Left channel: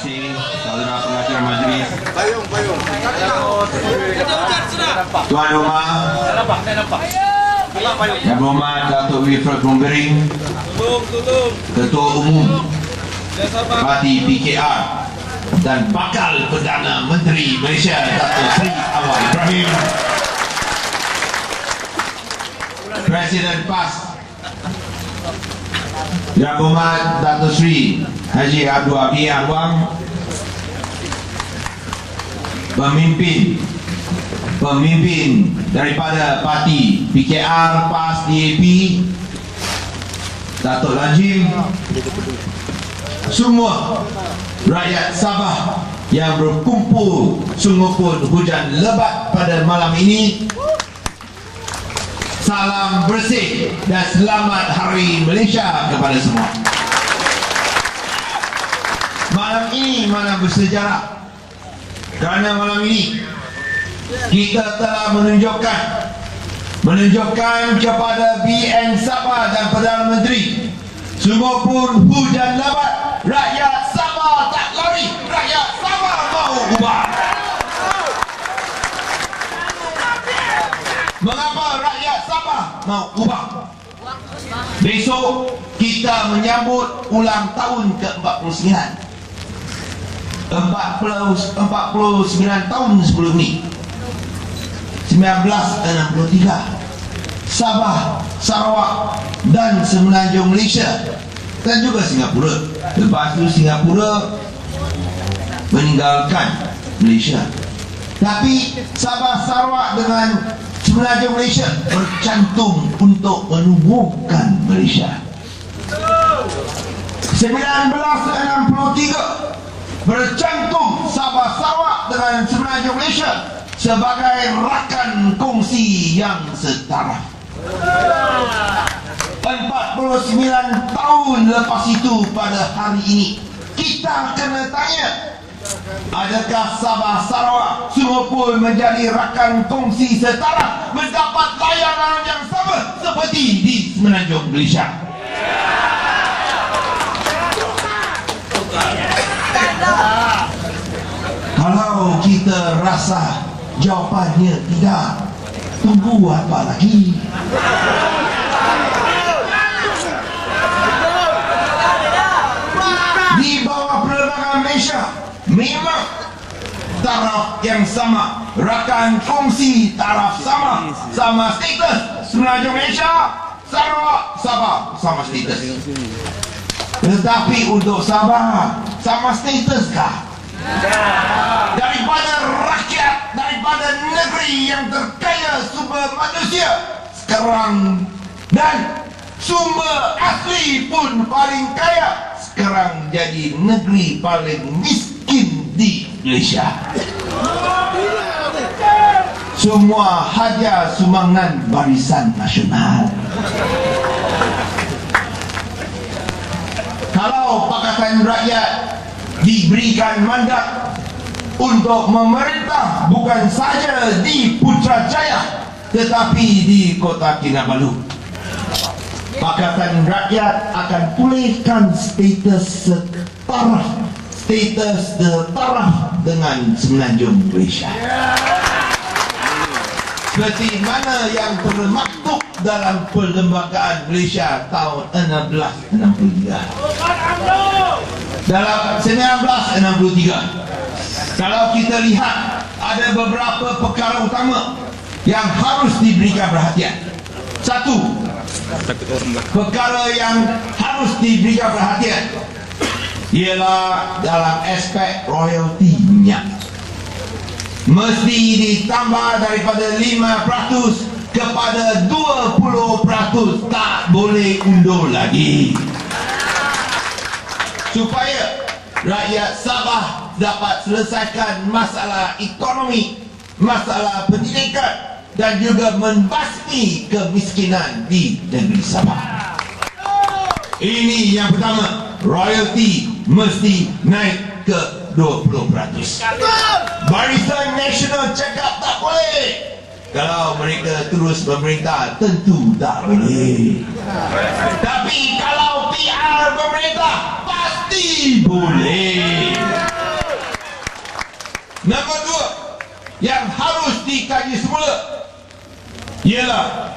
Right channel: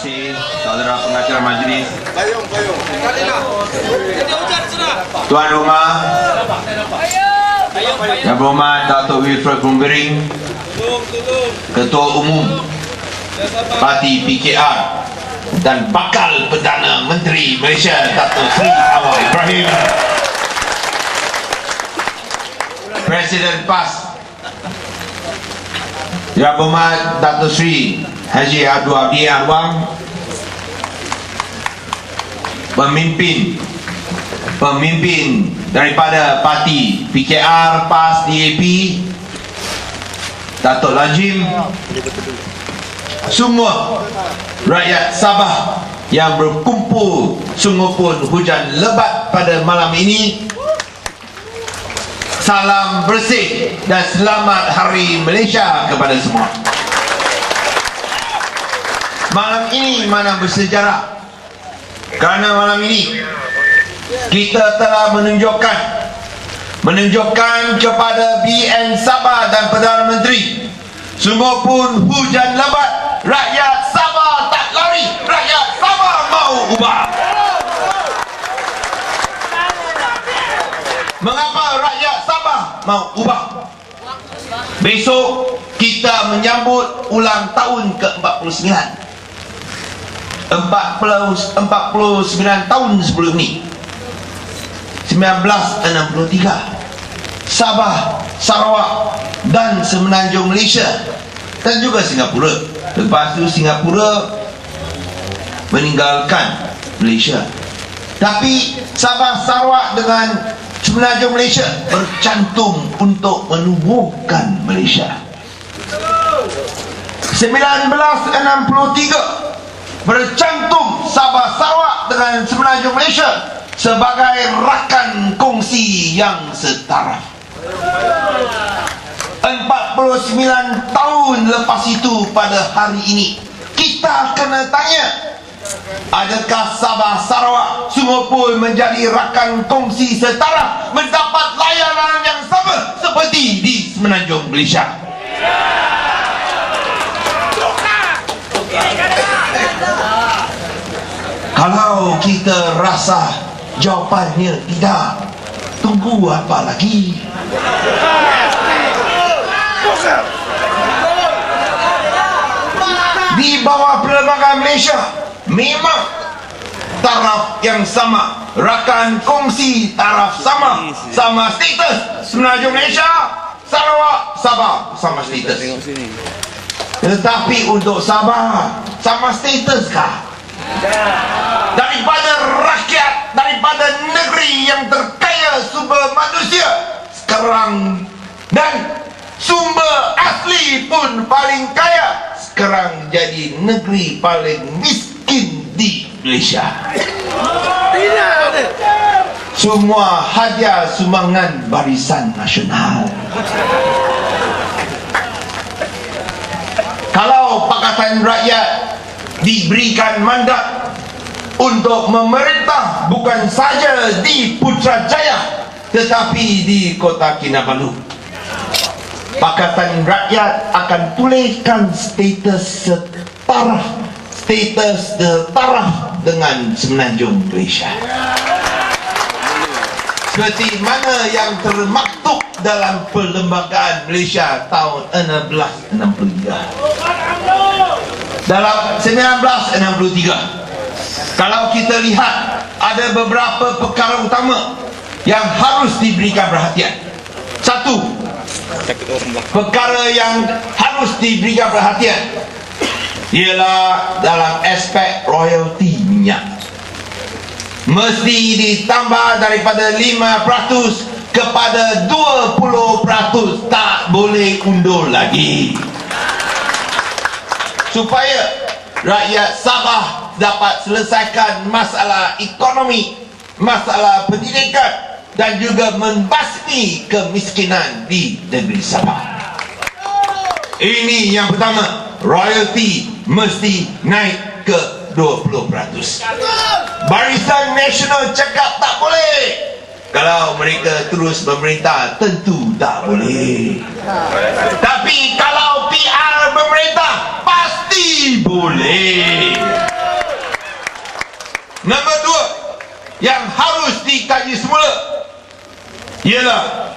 kasih saudara pengacara majlis, tuan rumah, yang berhormat Datuk Wilfred Bumbering, Ketua Umum Parti PKR dan Bakal Perdana Menteri Malaysia Datuk Seri Anwar Ibrahim, Presiden PAS yang berhormat Datuk Seri Haji Abdul Abdi Anwar, pemimpin daripada parti PKR, PAS, DAP, Datuk Najim, semua rakyat Sabah yang berkumpul sungguh pun hujan lebat pada malam ini. Salam bersih dan selamat Hari Malaysia kepada semua. Malam ini malam bersejarah, kerana malam ini kita telah menunjukkan kepada BN Sabah dan Perdana Menteri, sungguh pun hujan lebat, rakyat Sabah tak lari, rakyat Sabah mau ubah. Mengapa rakyat Sabah mau ubah? Besok kita menyambut ulang tahun ke-49, 49 tahun sebelum ni, 1963, Sabah, Sarawak dan Semenanjung Malaysia dan juga Singapura. Lepas itu Singapura meninggalkan Malaysia, tapi Sabah, Sarawak dengan Semenanjung Malaysia bercantum untuk menubuhkan Malaysia. 1963 bercantum Sabah, Sarawak dengan Semenanjung Malaysia sebagai rakan kongsi yang setara. 49 tahun lepas itu, pada hari ini kita kena tanya, adakah Sabah, Sarawak sungguh pun menjadi rakan kongsi setara, mendapat layanan yang sama seperti di Semenanjung Malaysia? Kalau kita rasa jawapannya tidak, tunggu apa lagi? Di bawah Perlembagaan Malaysia memang taraf yang sama, rakan kongsi taraf sama, sama status. Semenanjung Malaysia, Sarawak, Sabah sama status. Tetapi untuk Sabah sama status kah? Daripada rakyat, daripada negeri yang terkaya sumber manusia sekarang dan sumber asli pun paling kaya, sekarang jadi negeri paling miskin di Malaysia. Semua hadiah sumbangan Barisan Nasional. Kalau Pakatan Rakyat diberikan mandat untuk memerintah bukan saja di Putrajaya tetapi di Kota Kinabalu, Pakatan Rakyat akan pulihkan status setara dengan Semenanjung Malaysia, seperti mana yang termaktub dalam Perlembagaan Malaysia tahun 1963. Dalam 1963, kalau kita lihat, ada beberapa perkara utama yang harus diberikan perhatian. Satu, perkara yang harus diberikan perhatian ialah dalam aspek royalti minyak. Mesti ditambah daripada 5% kepada 20%, tak boleh undur lagi, supaya rakyat Sabah dapat selesaikan masalah ekonomi, masalah pendidikan dan juga membasmi kemiskinan di negeri Sabah. Ini yang pertama, royalti mesti naik ke 20%. Barisan Nasional cakap tak boleh. Kalau mereka terus memerintah, tentu tak boleh. Tapi kalau PR memerintah, pasti boleh. Nombor dua, yang harus dikaji semula ialah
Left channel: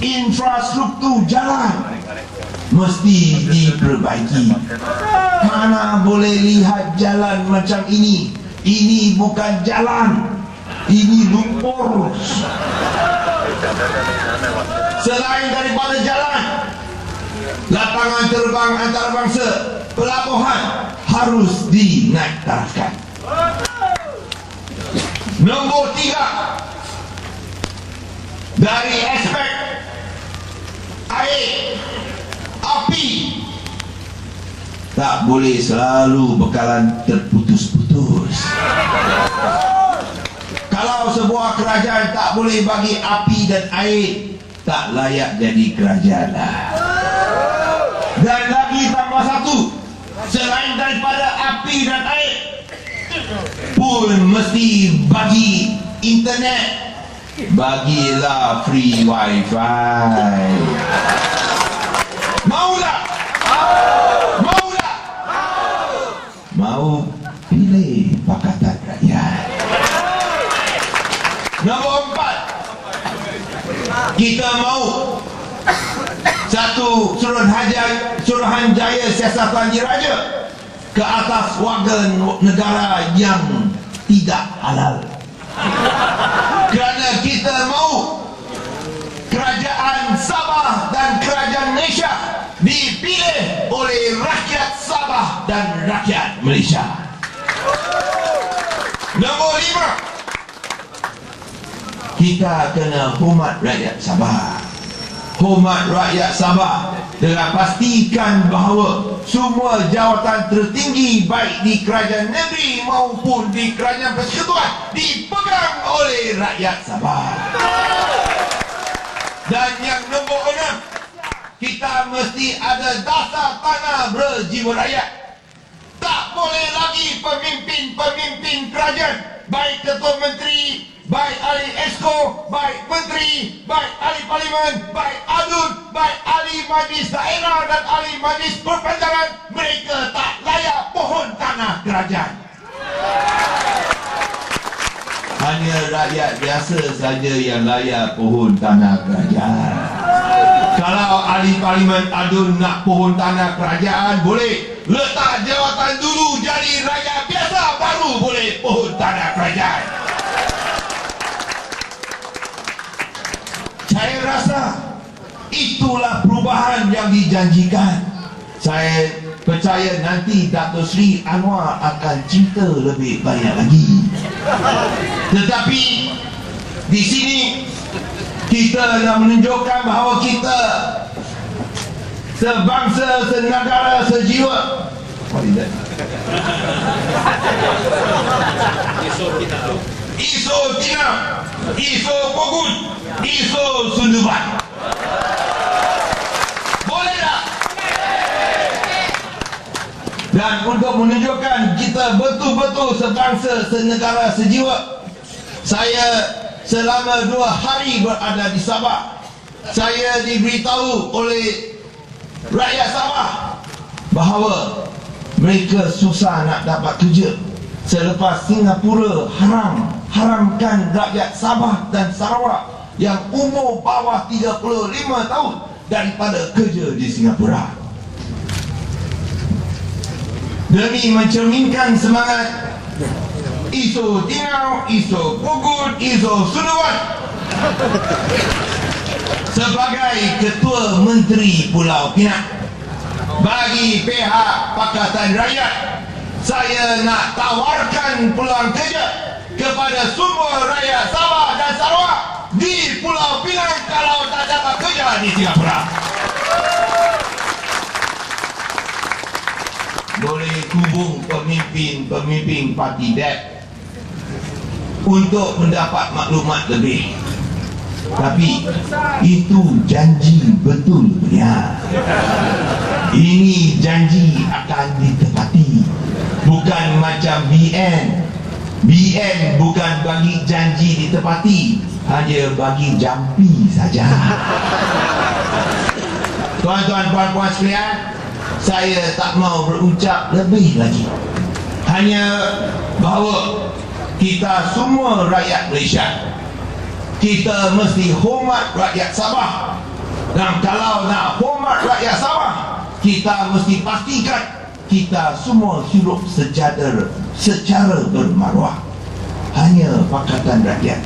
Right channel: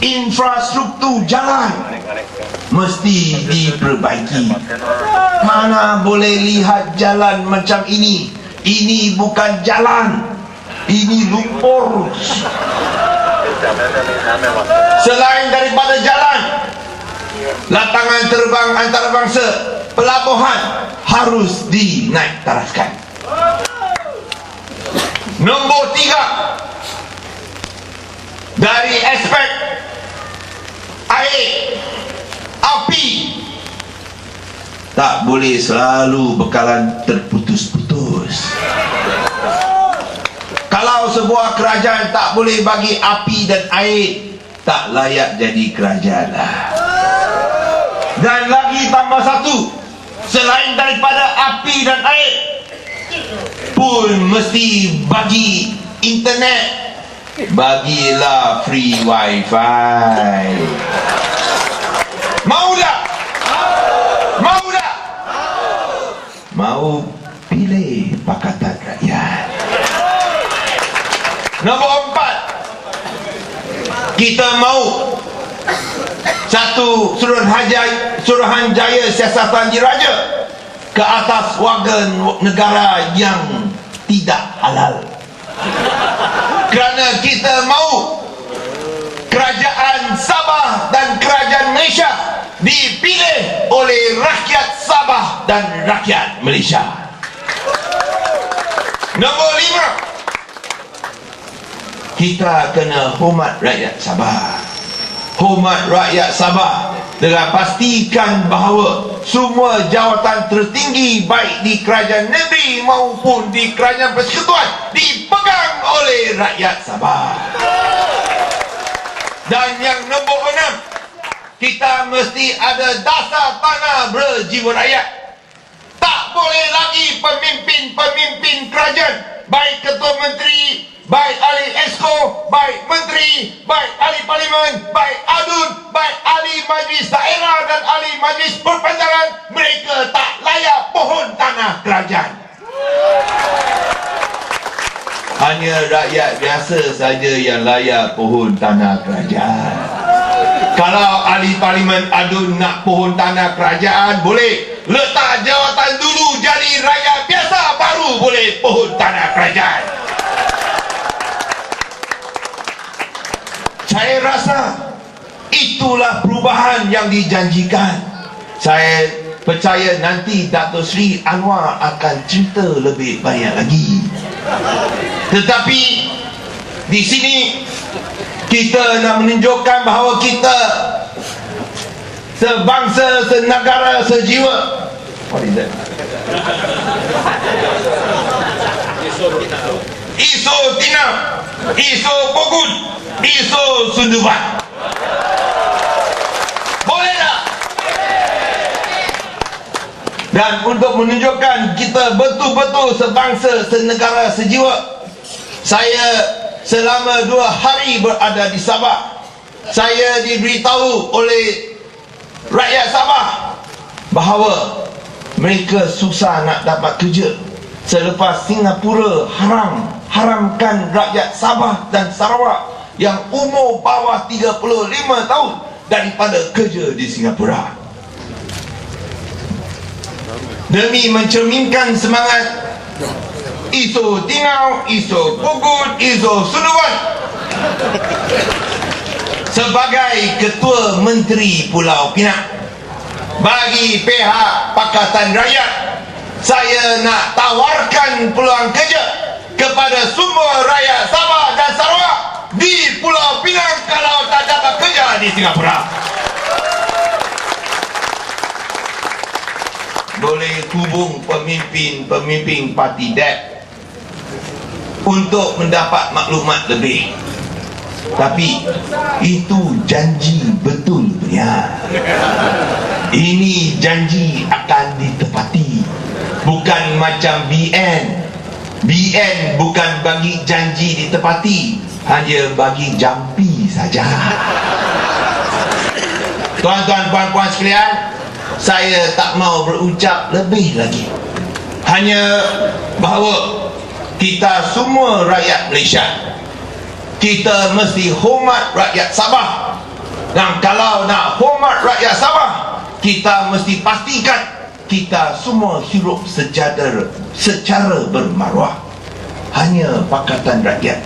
infrastruktur jalan mesti diperbaiki. Mana boleh lihat jalan macam ini. Ini bukan jalan, ini lumpur. Selain daripada jalan, latangan terbang antarabangsa, pelabuhan harus dinaik tarafkan. Nombor tiga, dari aspek air, api, tak boleh selalu bekalan terputus-putus. Kalau sebuah kerajaan tak boleh bagi api dan air, tak layak jadi kerajaan lah. Dan lagi tambah satu, selain daripada api dan air pun mesti bagi internet. Bagilah free wifi. Mau tak? Mau tak? Mau pilih Pakatan Rakyat. Nombor empat, kita mau satu Suruhanjaya Siasatan Diraja ke atas warga negara yang tidak halal. Kerana kita mau kerajaan Sabah dan kerajaan Malaysia dipilih oleh rakyat Sabah dan rakyat Malaysia. Nombor lima, kita kena hormat rakyat Sabah. Hormat rakyat Sabah dengan pastikan bahawa semua jawatan tertinggi baik di kerajaan negeri maupun di kerajaan persekutuan dipegang oleh rakyat Sabah. Dan yang nombor enam, kita mesti ada dasar tanah berjiwa rakyat. Tak boleh lagi pemimpin-pemimpin kerajaan, baik ketua menteri, baik ahli esko, baik menteri, baik ahli parlimen, baik adun, baik ahli majlis daerah dan ahli majlis perpanjangan, mereka tak layak pohon tanah kerajaan. Hanya rakyat biasa saja yang layak pohon tanah kerajaan. Kalau ahli parlimen adun nak pohon tanah kerajaan, boleh. Letak jawatan dulu jadi rakyat biasa, baru boleh pohon tanah kerajaan. Saya rasa itulah perubahan yang dijanjikan. Saya percaya nanti Dato' Sri Anwar akan cerita lebih banyak lagi. Tetapi di sini kita nak menunjukkan bahawa kita sebangsa, senegara, sejiwa. Iso Tina, Iso Pogun, Iso Sunduban. Boleh tak? Dan untuk menunjukkan kita betul-betul sebangsa, senegara, sejiwa, saya selama 2 hari berada di Sabah, saya diberitahu oleh rakyat Sabah bahawa mereka susah nak dapat kerja selepas Singapura haramkan rakyat Sabah dan Sarawak yang umur bawah 35 tahun daripada kerja di Singapura. Demi mencerminkan semangat Iso Tingau, Iso Pogun, Iso Sunduban, sebagai Ketua Menteri Pulau Pinang, bagi pihak Pakatan Rakyat, saya nak tawarkan peluang kerja kepada semua rakyat Sabah dan Sarawak di Pulau Pinang kalau tak dapat kerja di Singapura. Boleh hubung pemimpin parti DAP untuk mendapat maklumat lebih. Tapi itu janji betul ya. Ini janji akan ditepati. Bukan macam BN. BN bukan bagi janji ditepati, hanya bagi jampi saja. Tuan-tuan, puan-puan sekalian, saya tak mau berucap lebih lagi. Hanya bahawa kita semua rakyat Malaysia, kita mesti hormat rakyat Sabah. Dan kalau nak hormat rakyat Sabah, kita mesti pastikan kita semua hidup secara bermaruah. Hanya Pakatan Rakyat,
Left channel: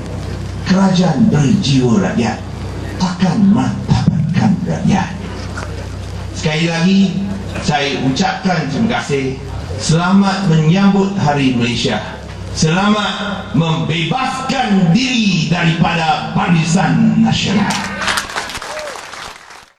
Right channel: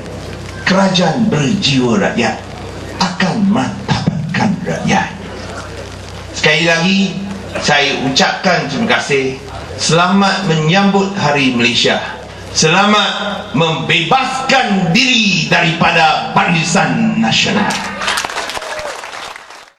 kerajaan berjiwa rakyat akan martabatkan rakyat. Sekali lagi saya ucapkan terima kasih. Selamat menyambut Hari Malaysia. Selamat membebaskan diri daripada Barisan Nasional.